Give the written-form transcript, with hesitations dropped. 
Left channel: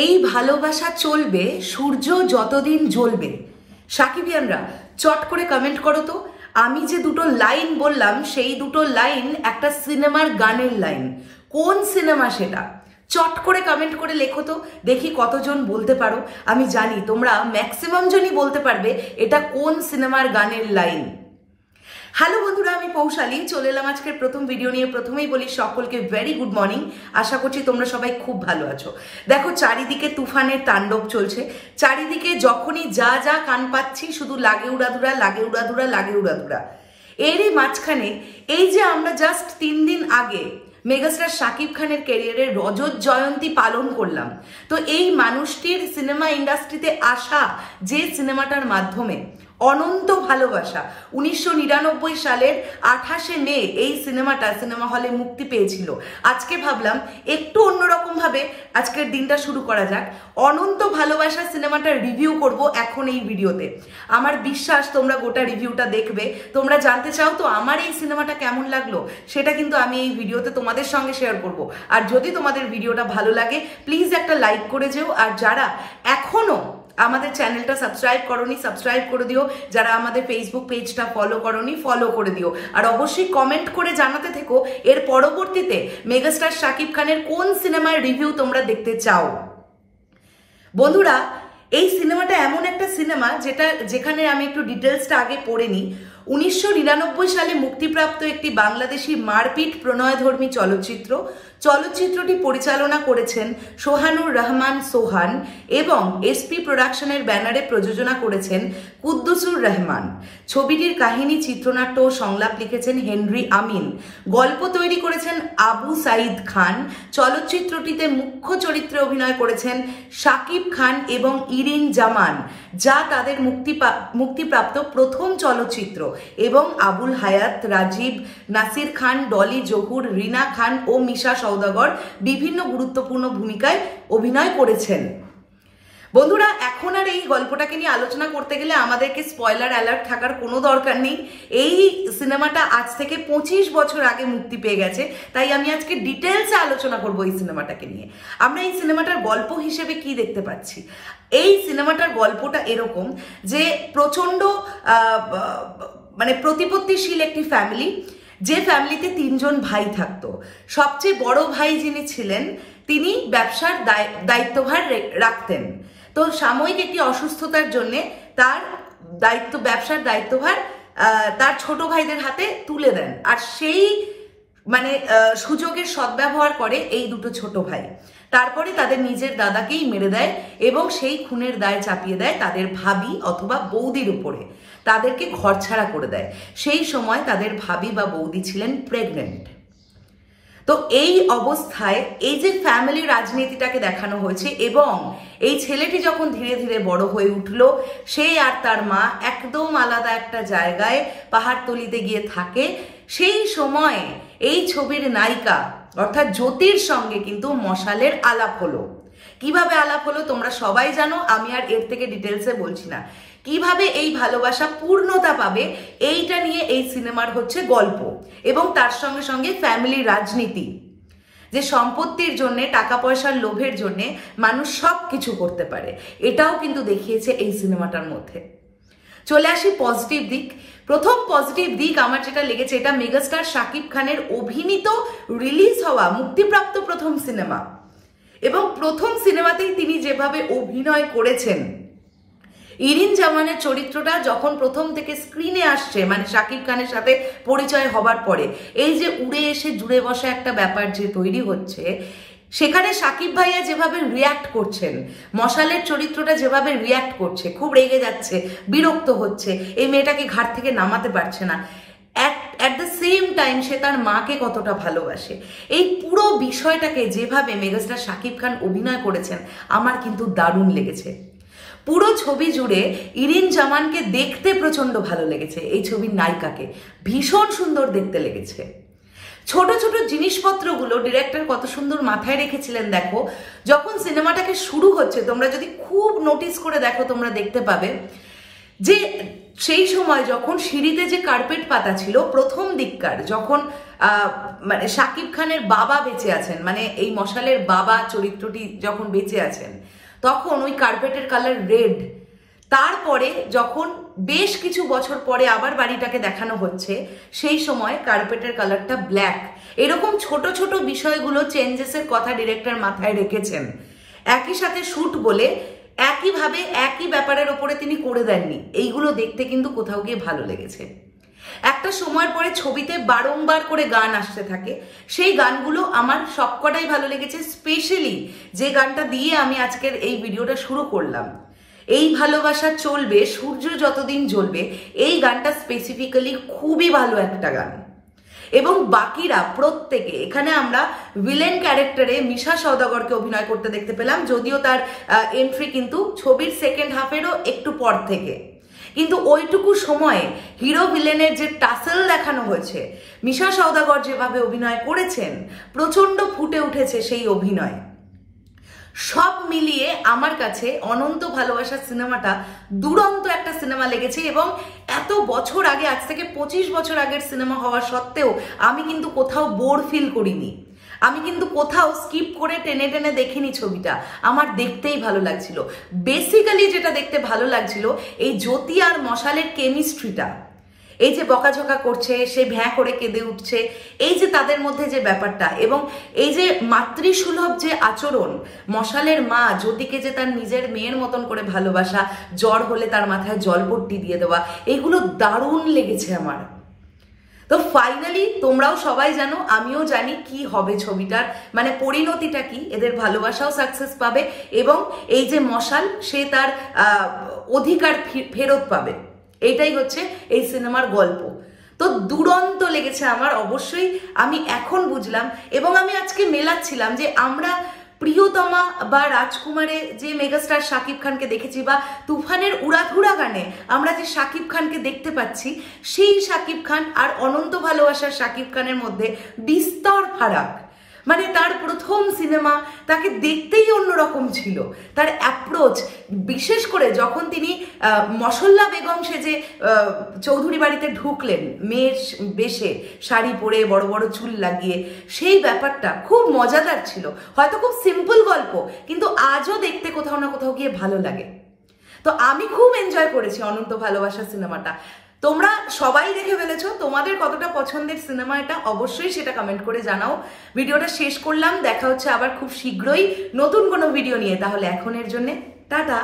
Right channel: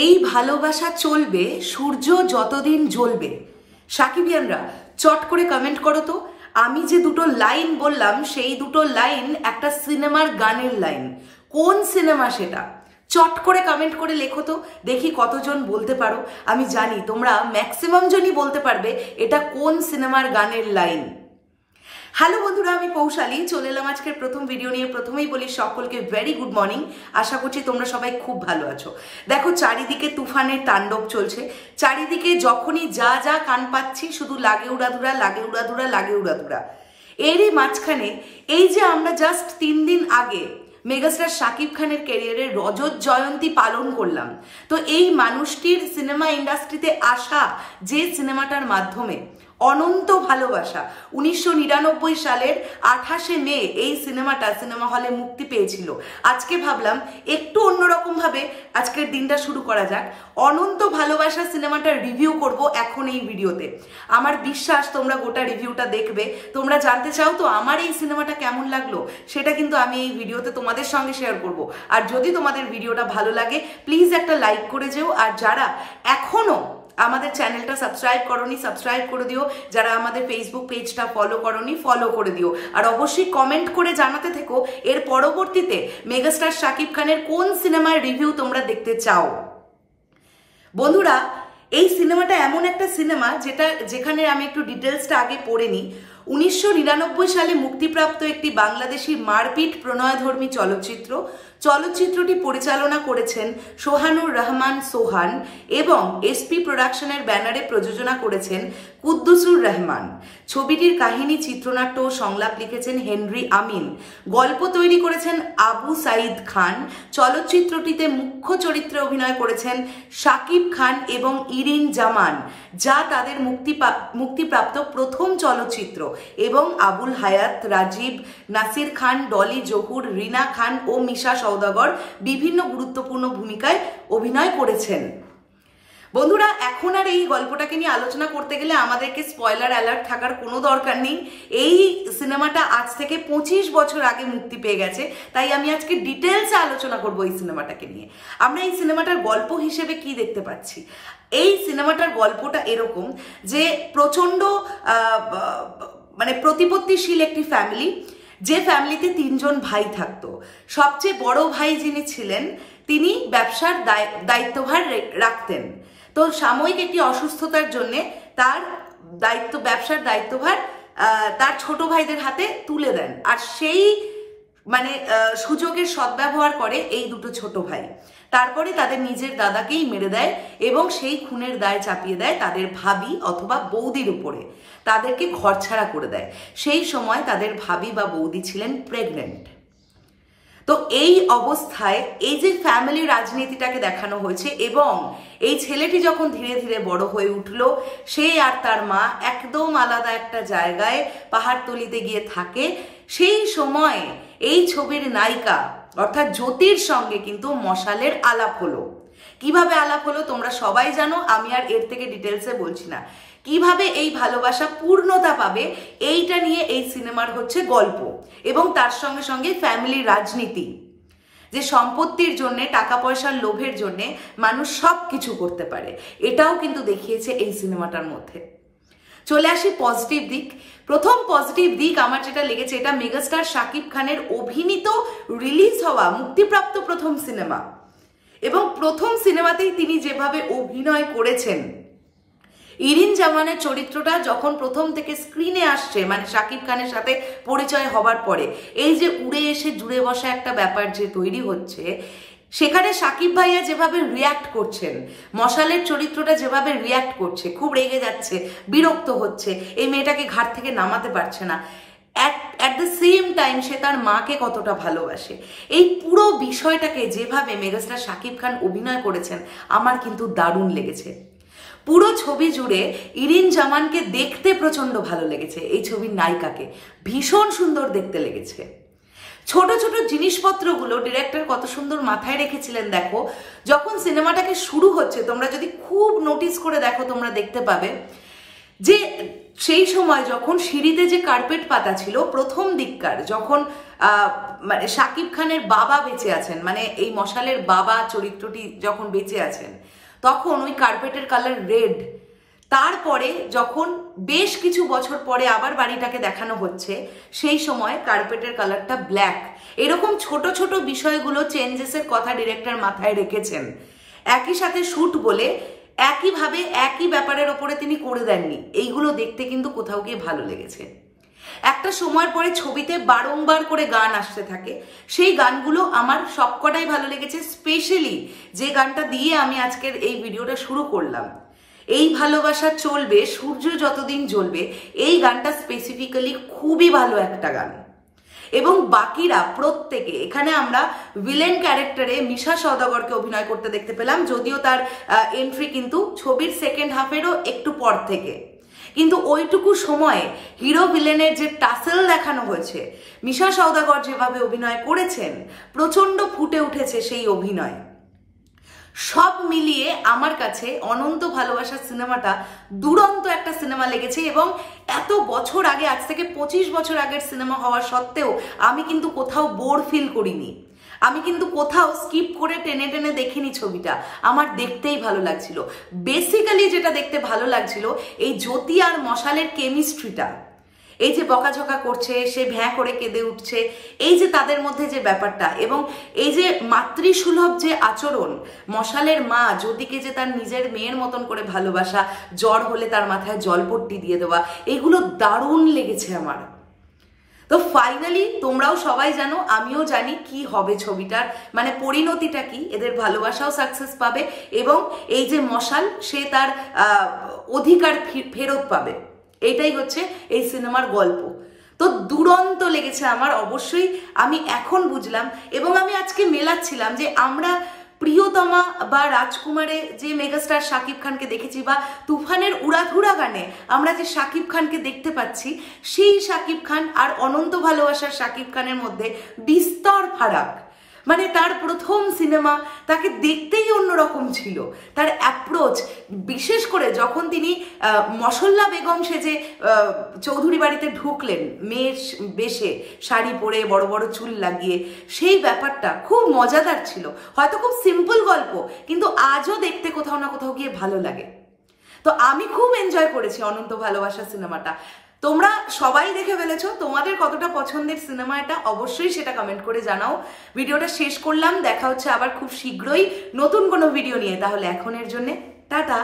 এই ভালোবাসা চলবে সূর্য যতদিন জ্বলবে। সাকিবিয়ানরা চট করে কমেন্ট করো তো, আমি যে দুটো লাইন বললাম সেই দুটো লাইন একটা সিনেমার গানের লাইন। কোন সিনেমা সেটা? চট করে কমেন্ট করে লেখো তো, দেখি কতজন বলতে পারো। আমি জানি তোমরা ম্যাক্সিমাম জনই বলতে পারবে এটা কোন সিনেমার গানের লাইন। হ্যালো বন্ধুরা, আমি পৌশালী চলে এলাম আজকের প্রথম ভিডিও নিয়ে। প্রথমেই বলি সকলকে ভেরি গুড মর্নিং। আশা করছি তোমরা সবাই খুব ভালো আছো। দেখো, চারিদিকে তুফানের তাণ্ডব চলছে। চারিদিকে যখনই যা যা কান পাচ্ছি শুধু লাগে উড়াধুরা, লাগে উড়াধুরা, লাগে উড়াধুরা। এরই মাঝখানে এই যে আমরা জাস্ট 3 দিন আগে মেগাস্টার শাকিব খানের ক্যারিয়ারের রজত জয়ন্তী পালন করলাম। তো এই মানুষটির সিনেমা ইন্ডাস্ট্রিতে আসা যে সিনেমাটার মাধ্যমে অনন্ত ভালোবাসা, 1999 সালের 28শে মে এই সিনেমাটা সিনেমা হলে মুক্তি পেয়েছিল। আজকে ভাবলাম একটু অন্যরকম ভাবে আজকের দিনটা শুরু করা যাক। অনন্ত ভালোবাসা সিনেমাটার রিভিউ করব এখন এই ভিডিওতে। আমার বিশ্বাস তোমরা গোটা রিভিউটা দেখবে। তোমরা জানতে চাও তো আমার এই সিনেমাটা কেমন লাগলো, সেটা কিন্তু আমি এই ভিডিওতে তোমাদের সঙ্গে শেয়ার করব। আর যদি তোমাদের ভিডিওটা ভালো লাগে প্লিজ একটা লাইক করে যেও। আর যারা এখনো আমাদের চ্যানেলটা সাবস্ক্রাইব করোনি সাবস্ক্রাইব করে দিও। যারা আমাদের ফেসবুক পেজটা ফলো করোনি ফলো করে দিও। আর অবশ্যই কমেন্ট করে জানাতে থেকো এর পরবর্তীতে মেগাস্টার শাকিব খানের কোন সিনেমার রিভিউ তোমরা দেখতে চাও। বন্ধুরা, এই সিনেমাটা এমন একটা সিনেমা যেখানে আমি একটু ডিটেলসটা আগে পড়ে নিই। 1999 সালে মুক্তিপ্রাপ্ত একটি বাংলাদেশি মারপিট প্রণয়ধর্মী চলচ্চিত্র। চলচ্চিত্রটি পরিচালনা করেছেন সোহানুর রহমান সোহান এবং এসপি প্রোডাকশনের ব্যানারে প্রযোজনা করেছেন কুদ্দুসুর রহমান। ছবিটির কাহিনী, চিত্রনাট্য ও সংলাপ লিখেছেন হেনরি আমিন। গল্প তৈরি করেছেন আবু সাইদ খান। চলচ্চিত্রটিতে মুখ্য চরিত্রে অভিনয় করেছেন শাকিব খান এবং ইরিন জামান, যা তাদের মুক্তিপ্রাপ্ত প্রথম চলচ্চিত্র। এবং আবুল হায়াত, রাজীব, নাসির খান, ডলি জহুর, রিনা খান ও মিশা সওদাগর বিভিন্ন গুরুত্বপূর্ণ ভূমিকায় অভিনয় করেছেন। বন্ধুরা, এখন আর এই গল্পটাকে নিয়ে আলোচনা করতে গেলে আমাদেরকে স্পয়লার অ্যালার্ট থাকার কোনো দরকার নেই। এই সিনেমাটা আজ থেকে 25 বছর আগে মুক্তি পেয়ে গেছে, তাই আমি আজকে ডিটেলসে আলোচনা করব এই সিনেমাটাকে নিয়ে। আমরা এই সিনেমাটার গল্প হিসেবে কি দেখতে পাচ্ছি? এই সিনেমাটার গল্পটা এরকম যে প্রচন্ড প্রতিপত্তিশীল একটি ফ্যামিলি, যে ফ্যামিলিতে 3 জন ভাই থাকতো। সবচেয়ে বড় ভাই যিনি ছিলেন তিনি ব্যবসার দায়িত্বভার রাখতেন। তো সাময়িক একটি অসুস্থতার জন্য তার ব্যবসার দায়িত্বভার তার ছোট ভাইদের হাতে তুলে দেন। আর সেই সুযোগের সদ্ব্যবহার করে এই দুটো ছোট ভাই। তারপরে তাদের নিজের দাদাকেই মেরে দেয় এবং সেই খুনের দায় চাপিয়ে দেয় তাদের ভাবি অথবা বৌদির উপরে। তাদেরকে ঘরছাড়া করে দেয়। সেই সময় তাদের ভাবি বা বৌদি ছিলেন প্রেগনেন্ট। তো এই অবস্থায় এই যে ফ্যামিলি রাজনীতিটাকে দেখানো হয়েছে এবং এই ছেলেটি যখন ধীরে ধীরে বড় হয়ে উঠলো, সে আর তার মা একদম আলাদা একটা জায়গায় পাহাড়তলিতে গিয়ে থাকে। সেই সময় এই ছবির নায়িকা অর্থাৎ জ্যোতির সঙ্গে কিন্তু মশালের আলাপ হলো। কিভাবে আলাপ হলো তোমরা সবাই জানো, আমি আর এর থেকে ডিটেলসে বলছি না। কিভাবে এই ভালোবাসা পূর্ণতা পাবে এইটা নিয়ে এই সিনেমার হচ্ছে গল্প। এবং তার সঙ্গে সঙ্গে ফ্যামিলি রাজনীতি, যে সম্পত্তির জন্য, টাকা পয়সার লোভের জন্য মানুষ সবকিছু করতে পারে, এটাও কিন্তু দেখিয়েছে এই সিনেমাটার মধ্যে। চলে আসি পজিটিভ দিক। প্রথম পজিটিভ দিক আমার যেটা লেগেছে, এটা মেগাস্টার শাকিব খানের অভিনীত, রিলিজ হওয়া, মুক্তিপ্রাপ্ত প্রথম সিনেমা। এবং প্রথম সিনেমাতেই তিনি যেভাবে অভিনয় করেছেন, ইরিন জামানের চরিত্রটা যখন প্রথম থেকে স্ক্রিনে আসছে, শাকিব খানের সাথে পরিচয় হবার পরে এই যে উড়ে এসে জুড়ে বসা একটা ব্যাপার যে তৈরি হচ্ছে, সেখানে শাকিব ভাইয়া যেভাবে রিয়াক্ট করছেন, মশালের চরিত্রটা যেভাবে রিয়াক্ট করছে, খুব রেগে যাচ্ছে, বিরক্ত হচ্ছে, এই মেয়েটাকে ঘাট থেকে নামাতে পারছে না, অ্যাট দ্য সেম টাইম সে তার মাকে কতটা ভালোবাসে, এই পুরো বিষয়টাকে যেভাবে মেগাস্টার শাকিব খান অভিনয় করেছেন আমার কিন্তু দারুণ লেগেছে। পুরো ছবি জুড়ে ইরিন জামানকে দেখতে প্রচন্ড ভালো লেগেছে। এই ছবির নায়িকাকে ভীষণ সুন্দর দেখতে লেগেছে। ছোট ছোট জিনিসপত্রগুলো ডিরেক্টর কত সুন্দর মাথায় রেখেছিলেন। দেখো, যখন সিনেমাটাকে শুরু হচ্ছে তোমরা যদি খুব নোটিস করে দেখো তোমরা দেখতে পাবে যে সেই সময় যখন সিঁড়িতে যে কার্পেট পাতা ছিল, প্রথম দিককার যখন মানে শাকিব খানের বাবা বেঁচে আছেন, মানে এই মশালের বাবা চরিত্রটি যখন বেঁচে আছেন তখন ওই কার্পেটের কালার রেড। তারপরে যখন বেশ কিছু বছর পরে আবার বাড়িটাকে দেখানো হচ্ছে সেই সময় কার্পেটের কালারটা ব্ল্যাক। এরকম ছোট ছোট বিষয়গুলো চেঞ্জেসের কথা ডিরেক্টর মাথায় রেখেছেন। একই সাথে শুট বলে একইভাবে একই ব্যাপারের ওপরে তিনি করে দেননি। এইগুলো দেখতে কিন্তু কোথাও গিয়ে ভালো লেগেছে। একটা সময়ের পরে ছবিতে বারংবার করে গান আসতে থাকে, সেই গানগুলো আমার সবকটাই ভালো লেগেছে। স্পেশালি যে গানটা দিয়ে আমি আজকের এই ভিডিওটা শুরু করলাম, এই ভালোবাসা চলবে সূর্য যতদিন জ্বলবে, এই গানটা স্পেসিফিক্যালি খুবই ভালো একটা গান। এবং বাকিরা প্রত্যেকে, এখানে আমরা ভিলেন ক্যারেক্টারে মিশা সওদাগরকে অভিনয় করতে দেখতে পেলাম, যদিও তার এন্ট্রি কিন্তু ছবির সেকেন্ড হাফেরও একটু পর থেকে, কিন্তু ওইটুকু সময়ে হিরো ভিলেনের যে টাসেল দেখানো হয়েছে, মিশা সওদাগর যেভাবে অভিনয় করেছেন, প্রচন্ড ফুটে উঠেছে সেই অভিনয়। সব মিলিয়ে আমার কাছে অনন্ত ভালোবাসার সিনেমাটা দুরন্ত একটা সিনেমা লেগেছে। এবং এত বছর আগে, আজ থেকে 25 বছর আগের সিনেমা হওয়া সত্ত্বেও আমি কিন্তু কোথাও বোর ফিল করিনি। আমি কিন্তু কোথাও স্কিপ করে টেনে টেনে দেখিনি ছবিটা। আমার দেখতেই ভালো লাগছিল। বেসিক্যালি যেটা দেখতে ভালো লাগছিল, এই জ্যোতি আর মশালের কেমিস্ট্রিটা, এই যে বকাঝকা করছে, সে ভ্যাঁ করে কেঁদে উঠছে, এই যে তাদের মধ্যে যে ব্যাপারটা, এবং এই যে মাতৃসুলভ যে আচরণ, মশালের মা জ্যোতিকে যে তার নিজের মেয়ের মতন করে ভালোবাসা, জ্বর হলে তার মাথায় জলপট্টি দিয়ে দেওয়া, এগুলো দারুণ লেগেছে আমার। তো ফাইনালি তোমরাও সবাই জানো, আমিও জানি কি হবে ছবিটার, মানে পরিণতিটা কি, এদের ভালোবাসাও সাকসেস পাবে এবং এই যে মশাল সে তার অধিকার ফেরত পাবে। এইটাই হচ্ছে এই সিনেমার গল্প। তো দুরন্ত লেগেছে আমার, অবশ্যই আমি এখন বুঝলাম। এবং আমি আজকে মেলাচ্ছিলাম যে আমরা প্রিয়তমা বা রাজকুমারে যে মেগাস্টার শাকিব খানকে দেখেছি, বা তুফানের উড়াধুরা গানে আমরা যে শাকিব খানকে দেখতে পাচ্ছি, সেই শাকিব খান আর অনন্ত ভালোবাসার শাকিব খানের মধ্যে বিস্তর ফারাক। মানে তার প্রথম সিনেমা, তাকে দেখতেই অন্যরকম ছিল তার অ্যাপ্রোচ। বিশেষ করে যখন তিনি মশল্লা বেগম সেজে চৌধুরী বাড়িতে ঢুকলেন, মেয়ের বেশে শাড়ি পরে বড় বড় চুল লাগিয়ে, সেই ব্যাপারটা খুব মজাদার ছিল। হয়তো খুব সিম্পল গল্প, কিন্তু আজও দেখতে কোথাও না কোথাও গিয়ে ভালো লাগে। তো আমি খুব এনজয় করেছি অনন্ত ভালোবাসা সিনেমাটা। তোমরা সবাই দেখে ফেলেছো, তোমাদের কতটা পছন্দের সিনেমা এটা অবশ্যই সেটা কমেন্ট করে জানাও। ভিডিওটা শেষ করলাম, দেখা হচ্ছে আবার খুব শীঘ্রই নতুন কোনো ভিডিও নিয়ে। তাহলে এখনের জন্য টাটা।